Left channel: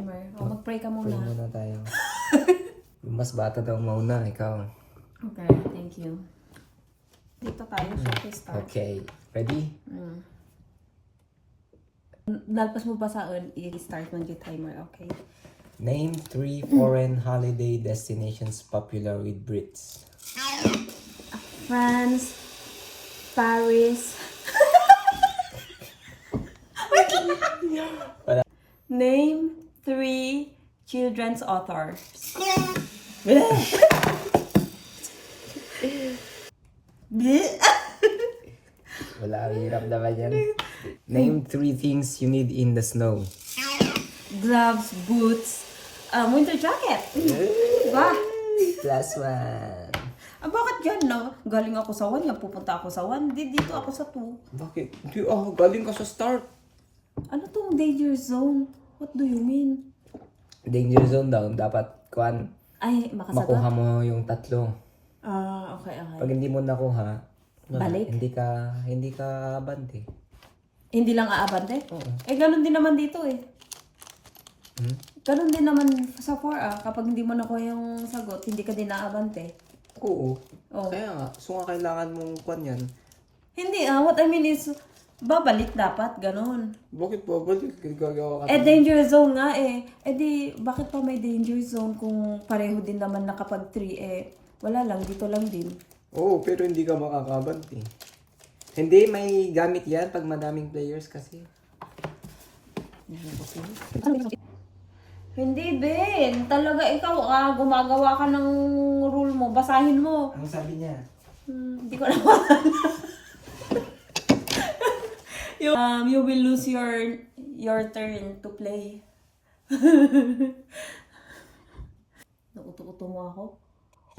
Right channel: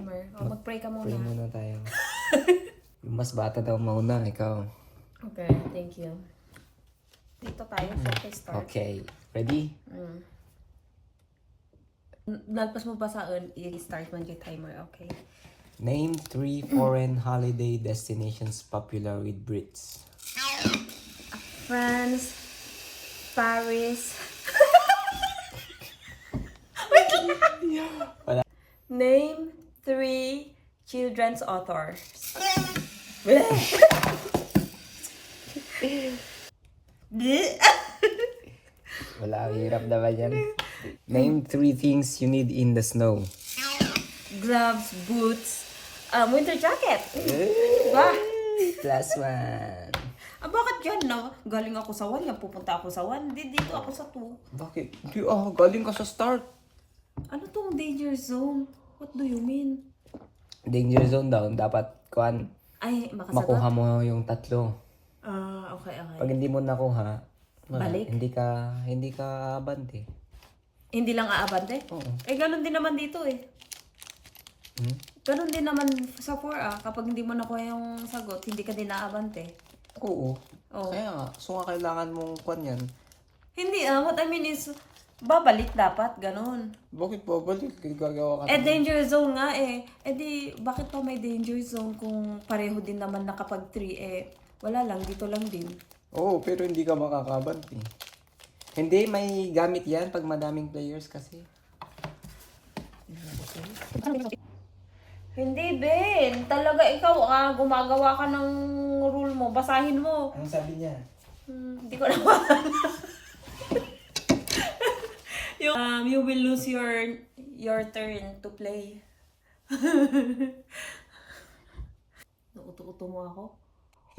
timer. O, mag-pray ka muna. Pray muna tayo. Yung mas bata daw mauna, ikaw. Okay, thank you. Dito tayo, okay, start. Okay, ready? Nalpas mo ba sa i-start mo yung timer, okay? Name 3 foreign holiday destinations popular with Brits. France, Paris. Wala. Name 3 children's authors. Wala, hirap naman yan. Name 3 things you need in the snow. Gloves, boots, winter jacket. Ba? Plus 1. Bakit dyan, no? Galing ako sa 1, yan pupunta ako sa 1. Dito ako sa 2. Bakit? Di, galing ka sa start. Ano tong danger zone? What do you mean? Danger zone daw, dapat Ay, makasagot? makuha mo yung 3. Okay. Pag hindi mo nakuha, Balik? Hindi ka abante. Hindi lang aabante? Oo. Ganun din naman dito eh. Hmm? Ganun din naman sa 4 kapag hindi mo nakuha yung sagot, hindi ka din aabante. Oo. Oh. Kaya nga, so kailangan mong yan. Hindi what I mean is, babalik dapat, ganun. Bakit babalik? Gagawa ka Danger zone nga eh. Di, bakit pa may danger zone kung pareho din naman na kapag 3 wala lang, dito lang din. Oo, pero hindi ka makakabante. Hindi, may gamit yan pag madaming players kasi. Hindi, Ben. Talaga ikaw, gumagawa ka ng rule mo. Basahin mo. Ano sabi niya? Hindi ko na maalala. You will lose your turn to play. Nakuto-kuto mo ako?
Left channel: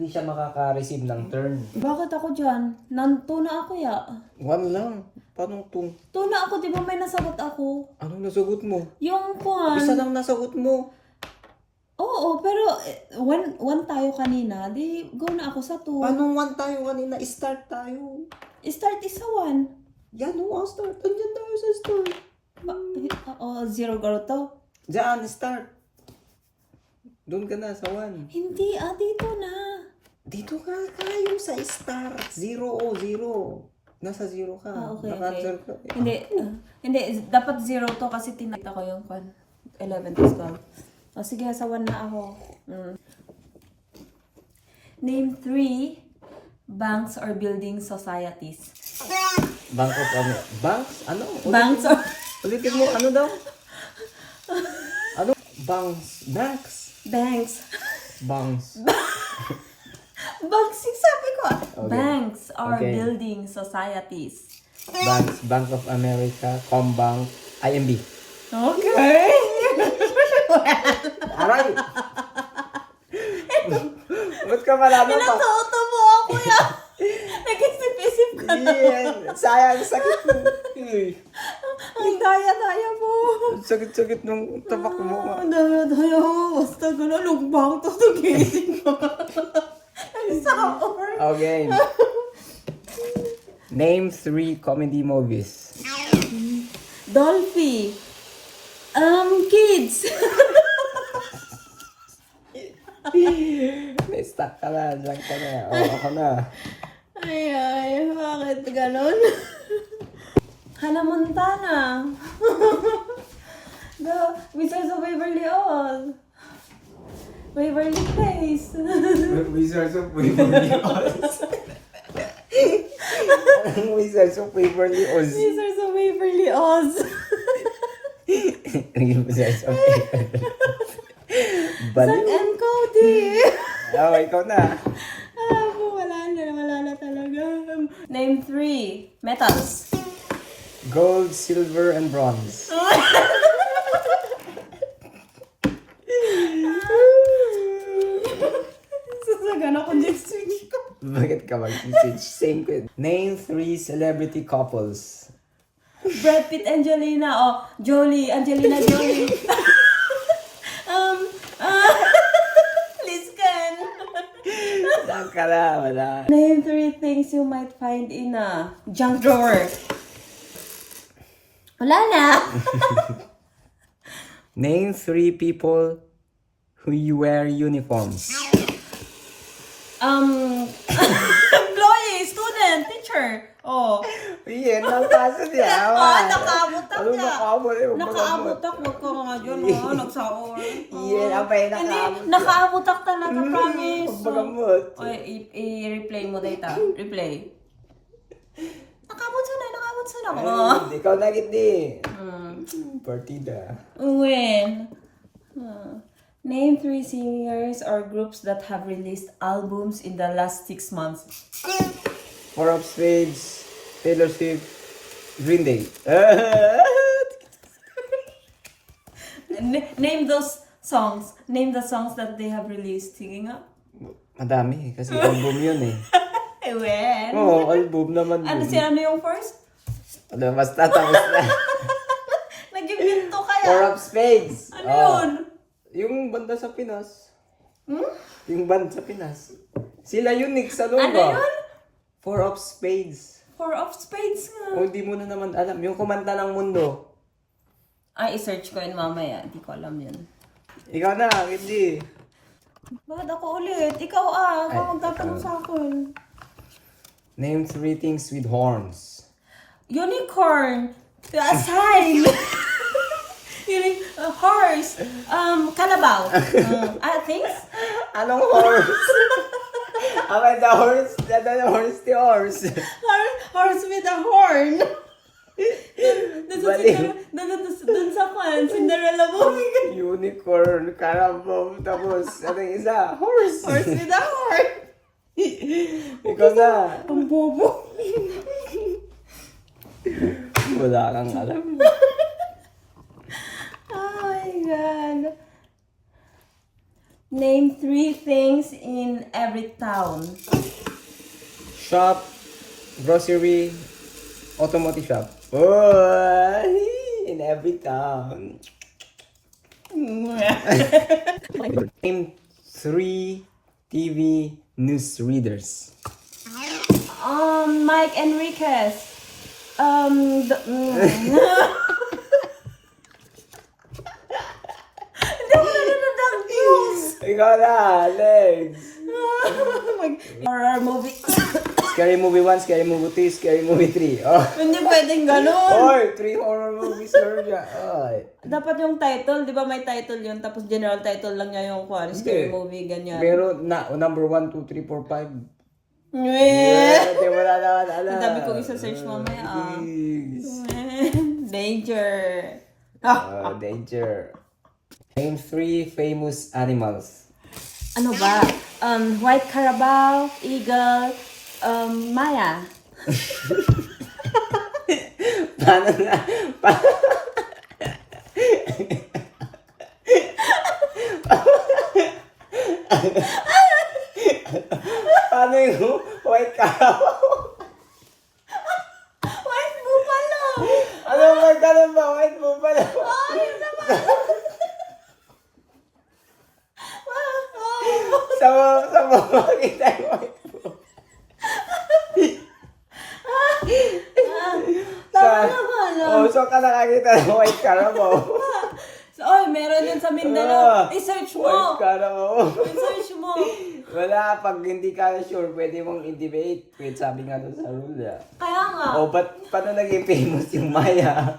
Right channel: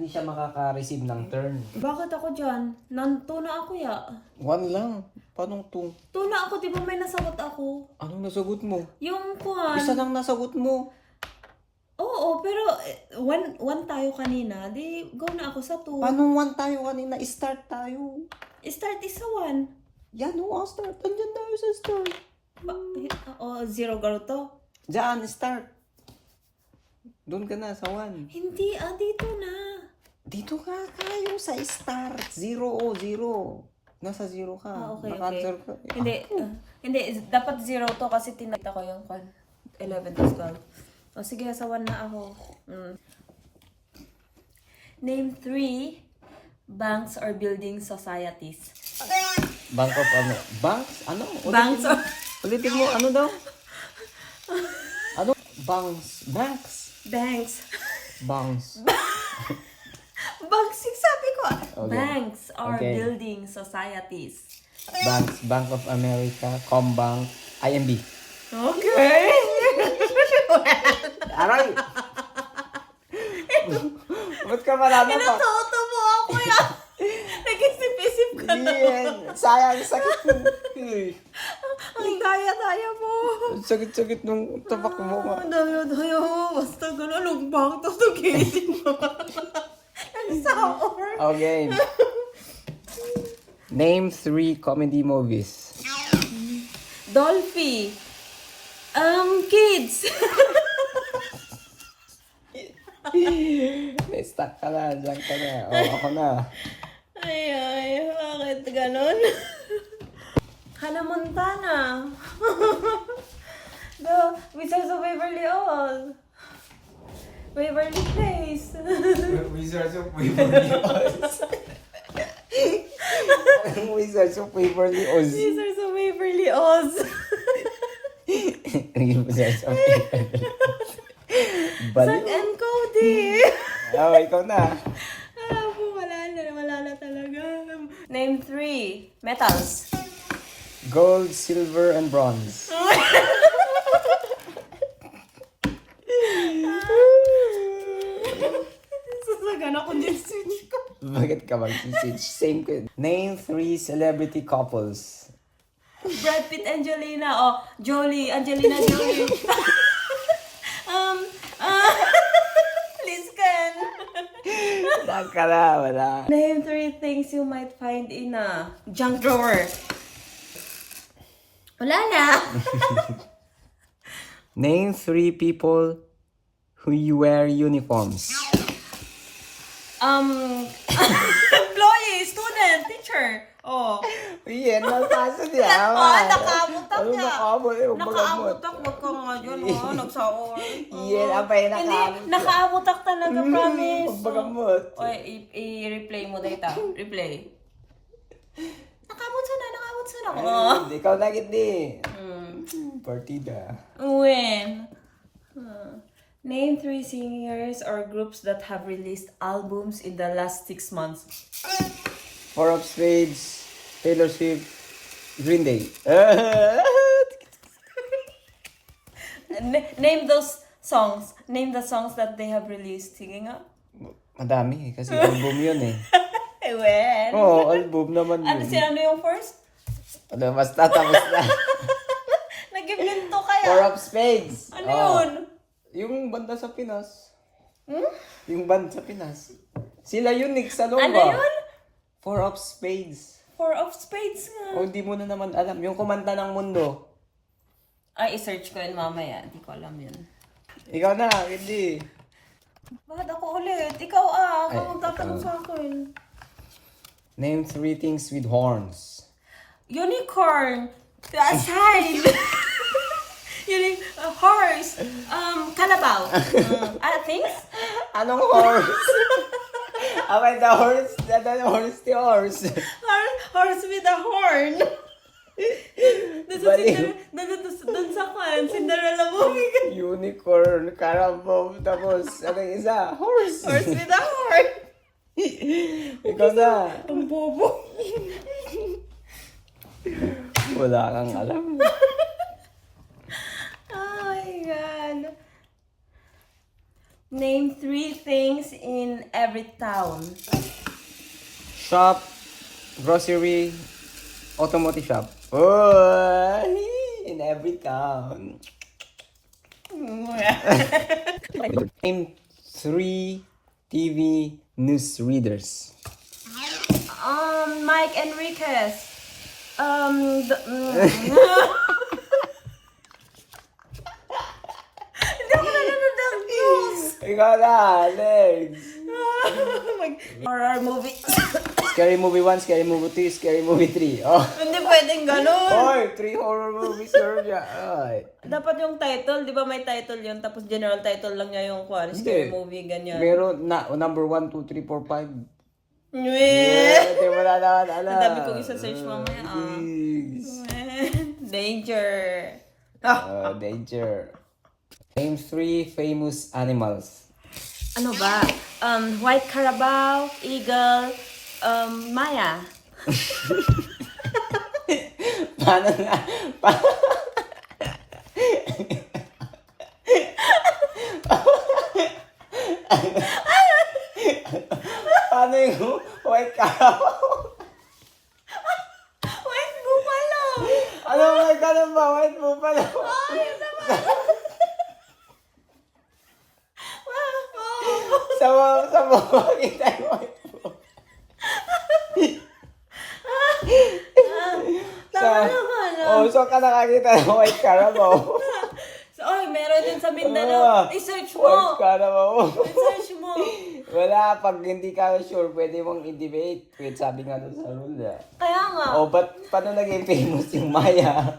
Hindi siya makaka-receive ng turn. Bakit ako dyan? Nanto na ako ya. 1 lang. Paano 2? Tuna ako, di ba may nasagot ako? Anong nasagot mo? Yung kwan. Isa lang nasagot mo. Oo, pero 1 tayo kanina. Di, go na ako sa 2. Paano 1 tayo kanina? Start tayo. Start is sa 1. Yan, start. Andyan tayo sa start. Oo, 0 garo to. Diyan, start. Doon ka na sa 1. Hindi, dito na. Dito ka tayo sa start. 0. Nasa 0 ka. Okay. Naka-answer ka. Hindi, dapat 0 to kasi tinakita ko yung 11 to 12. O sige, sa 1 na ako. Name 3 banks or building societies. Bank of ano? Banks? Ano? Banks or... Ulitin mo, ano daw? Ano? Banks. Banks. Banks, sabi ko. Okay. Banks or Okay. building societies. Banks. Bank of America, Combank, IMB. Okay. Aray! Ba't ka marami pa? Pinatuto mo ako yan. Nag-isip-isip ka na. Sayang, sakit mo. Ang daya-daya mo. Sakit-sakit nung tapak mo. Ang daya-daya mo. Basta gano'n, lugbang to gising mo. Sour. Okay. Name 3 comedy movies. Dolphy. Kids. May stuck ka na. Diyan ka na. Ako na. Ay, bakit gano'n? Hannah Montana. The Wizards of Waverly Oz. Waverly Place. Wizards of Waverly Oz. Wizards of Waverly Oz. Wizards of Waverly Oz. Wizards of Waverly Oz. Zack and Cody. Ikaw na. Wala na talaga. Name 3 metals. Gold, silver, and bronze. Sasagan ako din switch ko. Bakit ka mag-switch? Same ko. Name 3 celebrity couples. Brad Pitt, Angelina, Angelina Jolie. Liz Can. Wala. Name 3 things you might find in a junk drawer. Wala na. Name 3 people who wear uniforms. Employee, student, teacher. Oh. Yan ang paso niya. Nakamutak Ano ka. nakamutak? Nakaamutak, wag ka nga dyan. Nagsaor. Yan ang pa'y Hindi, nakamutak. nakaamutak talaga, promise. Pagbagamot. Oy, i-replay mo data. Replay. Nakamot sana. Ikaw na hindi. Partida. When? Name 3 singers or groups that have released albums in the last 6 months. 4 of Spades, Taylor Swift, Green Day. Name those songs. Name the songs that they have released. Sige nga. Madami kasi album yun eh. When? Oo, album naman Ano yun. ano yung first? Ano, mas tatapos na. Nag-ibinto 4 kaya? of Spades. Ano Oh. yun? Yung banda sa Pinas. Hmm? Yung banda sa Pinas. Sila yun, Nick, sa Lumba. Ano yun? 4 of Spades. 4 of Spades nga. O, hindi mo na naman alam. Yung kumanta ng mundo. Ay, i-search ko yun mamaya. Hindi ko alam yun. Ikaw na, hindi. Bakit ako ulit? Ikaw Ay, kung magkatanong ikaw. sa akin. Name 3 things with horns. Unicorn. Sign. Horse. Kalabaw. Things? Anong horse? Okay, the horse. The horse, the horse. Horse with a horn. Baliw. Dun sa Cinderella movie. Unicorn, carabao, tapos, anong isa? Horse. Horse with a horn. Ikaw na. Ang bobo. Wala kang alam. Oh my God. Name 3 things in every town. Shop, grocery, automotive shop. Oh, in every town. Name 3 TV news readers. Mike Enriquez. Hindi mo nanonood ng news. Ikaw na, next. Horror movie. Scary movie 1, scary movie 2, scary movie 3. Oh. Hindi pwedeng ganun. Oy, 3 horror movies Sergio. Oy. Dapat yung title, di ba may title yun, tapos general title lang niya yung scary Hindi. movie, ganyan. Meron na, number 1, 2, 3, 4, 5. Mweh! Hindi mo na naman alam. Ang dami kong isa-search mamaya, Yes. Danger. Danger. Name 3 famous animals. Ano ba? White Carabao, Eagle, Maya. Paano na? Paano yung white cow? White Buffalo! Ano white cow ba? White buffalo. Sa makita yung white buffalo. Tama naman. Oh, so ka nakakita ng white carabao. So, meron yun sa Mindanao. I-search mo. White carabao. I-search mo. Wala, pag hindi ka sure, pwede mong i-debate. Kaya sabi nga doon sa rule. Kaya nga. O, paano naging famous yung Maya?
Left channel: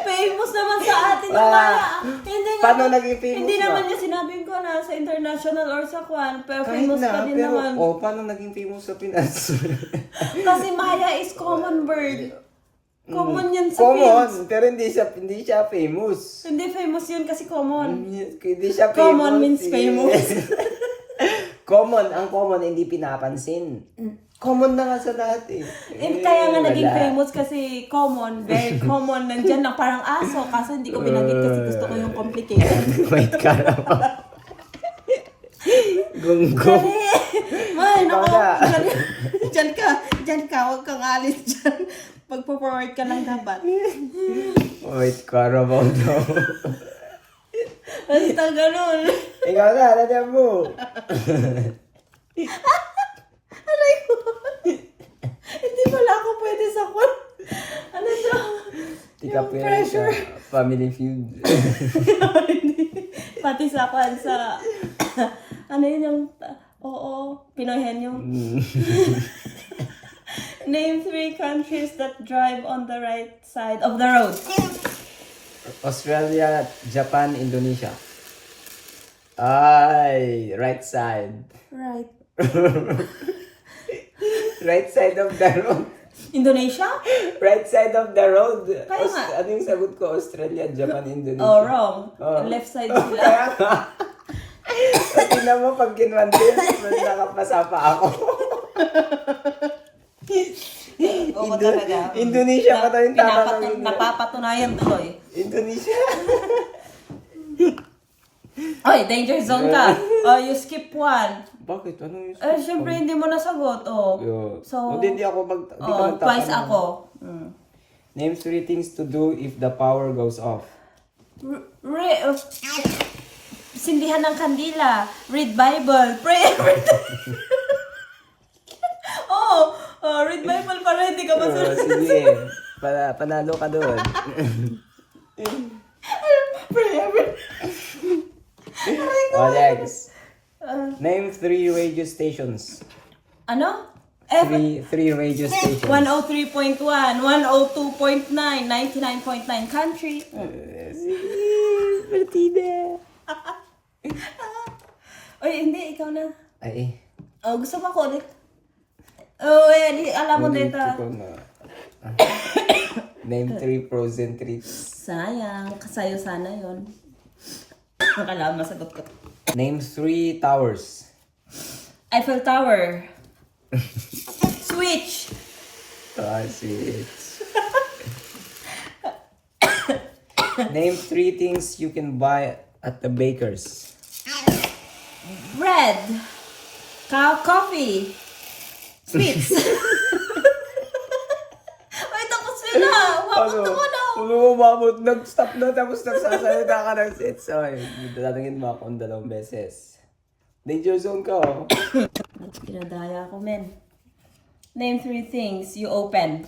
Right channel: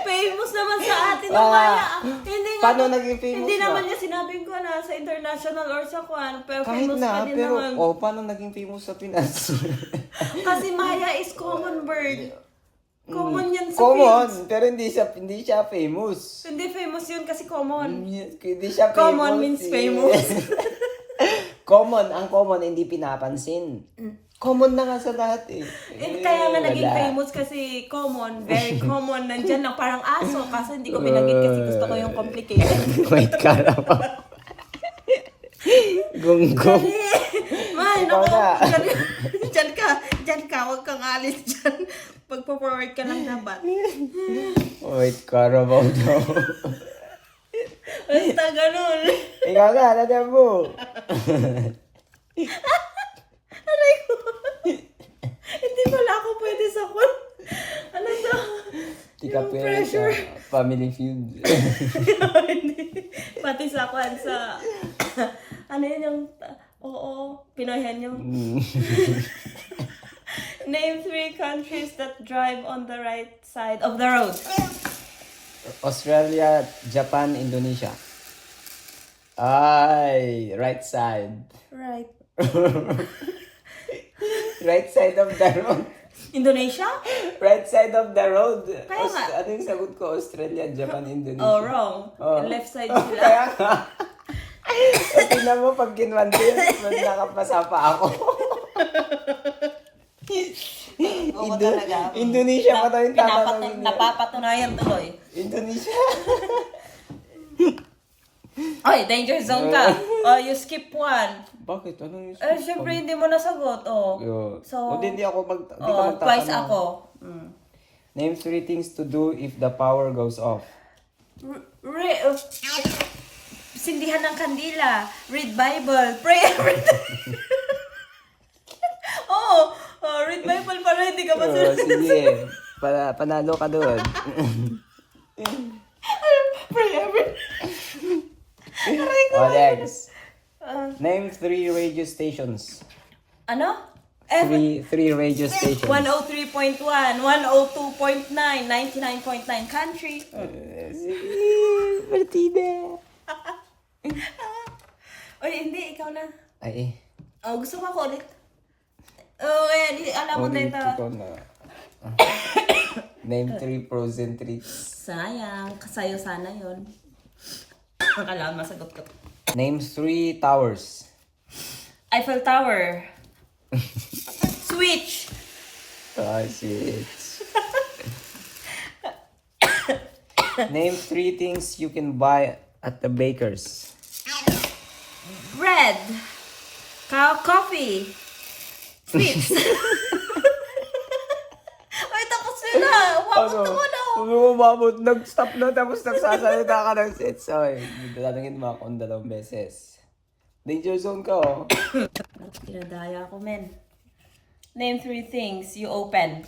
Famous naman sa atin yung Ah, Maya. Hindi nga. paano naging famous Hindi ba? naman niya sinabing ko na sa international or sa kwan. Pero Kahit famous na, pa din pero, naman. paano naging famous sa Pinas? Kasi Maya is common bird. Common yan sa Common, Philippines. pero hindi siya famous. Hindi famous yun kasi common. Hindi siya famous. Common means famous. Common, ang common hindi pinapansin. Common na nga sa lahat eh. And kaya nga naging wala. famous kasi common, very common. Nandyan lang parang aso. Kaso hindi ko binanggit kasi gusto ko yung complicated. Wait, karapa. Gunggong. May, Ikaw naku. na. Diyan ka. Huwag kang alis dyan. Pagpo-forward ka lang dapat. Wait, karabaw daw. Basta ganun. Ikaw na, nandiyan mo. Aray ko. Hindi pala ako pwede sa kwan. Ano to? Tika Yung pressure. Family Feud. Pati sa ano yun yung, oo, Pinoyhan yung. Name 3 countries that drive on the right side of the road. Australia, Japan, Indonesia. Ay, right side. Right. Right side of the road. Indonesia? Right side of the road. Kaya nga. Ano yung sagot ko? Australia, Japan, Indonesia. Oh, wrong. Oh. Left side sila. Kaya nga. Tingnan mo pag kinwante, nakapasa pa ako. Oo talaga. Indonesia pa tayo yung tama ng India. Napapatunayan tuloy. Indonesia. Oy, danger zone ka. Oh, you skip one. Bakit? Anong yung Siyempre hindi mo nasagot. Oh. So, hindi ako twice ako. Mm. Name 3 things to do if the power goes off. Sindihan ng kandila, read Bible, pray every day. Read Bible para hindi ka masunod. Sige, panalo ka doon. Pray every day. Alex, name 3 radio stations. Ano? 3 radio stations. 103.1, 102.9, 99.9 country. Sige, partida. Oy, hindi, ikaw na. Ay, Oh, gusto mo ako ulit? Oh, ayan, alam mo dito. ko na. Name 3 frozen treats. Sayang, kasayo sana yun. Nakala, masagot ko. Name 3 towers. Eiffel Tower. Switch. Ah, shit. Name 3 things you can buy at the baker's. Bread. Coffee. Sweets. Ay, tapos sila. Umabot na ano. Umabot. Nag-stop na tapos nagsasalita ka ng sets. Okay, tatanungin mo akong 2 beses. Danger zone ka, oh. Pinadaya ako, men. Name 3 things you open.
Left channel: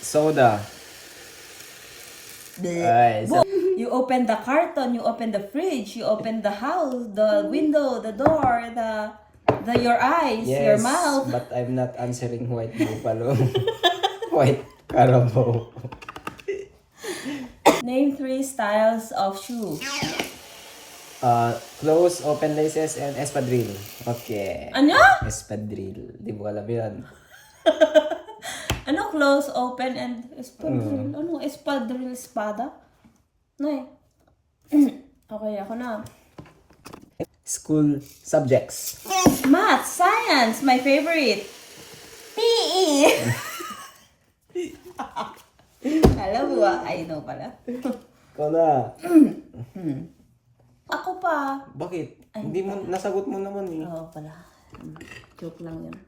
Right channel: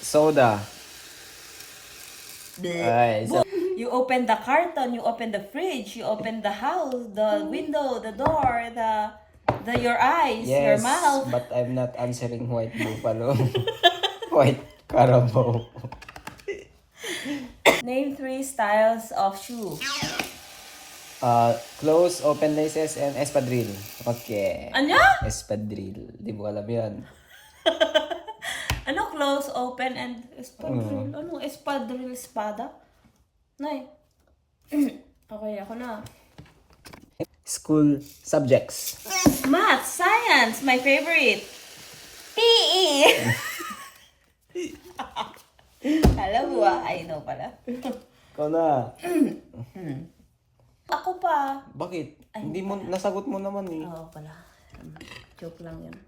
Soda. Alright, so, You open the carton, you open the fridge, you open the house, the window, the door, your eyes, yes, your mouth. but I'm not answering white buffalo. White carabao. Name 3 styles of shoe. Close, open laces, and espadrille. Okay. Ano? Espadrille. Di mo alam yan. Ano close, open, and espadrille? Ano espadrille, espada? Nay. Okay, ako na. School subjects. Math, science, my favorite. PE. Alam mo ba? I know pala. Ikaw na. Ako pa. Bakit? Hindi mo, nasagot mo naman eh. Oo pala. Joke lang yun.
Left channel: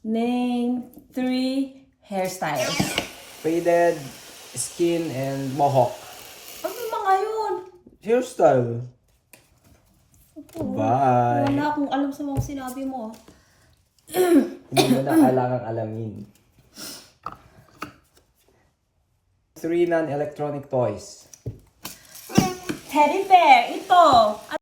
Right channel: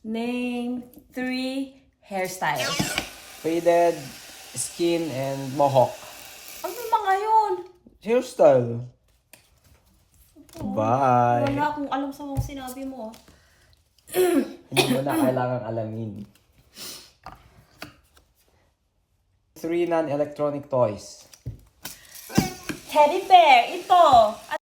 Name 3 hairstyles. Faded, skin, and mohawk. Ano mga yun? Hairstyle. Bye. Wala akong alam sa mga sinabi mo. Hindi mo na kailangang alamin. 3 non-electronic toys. Teddy bear. Ito.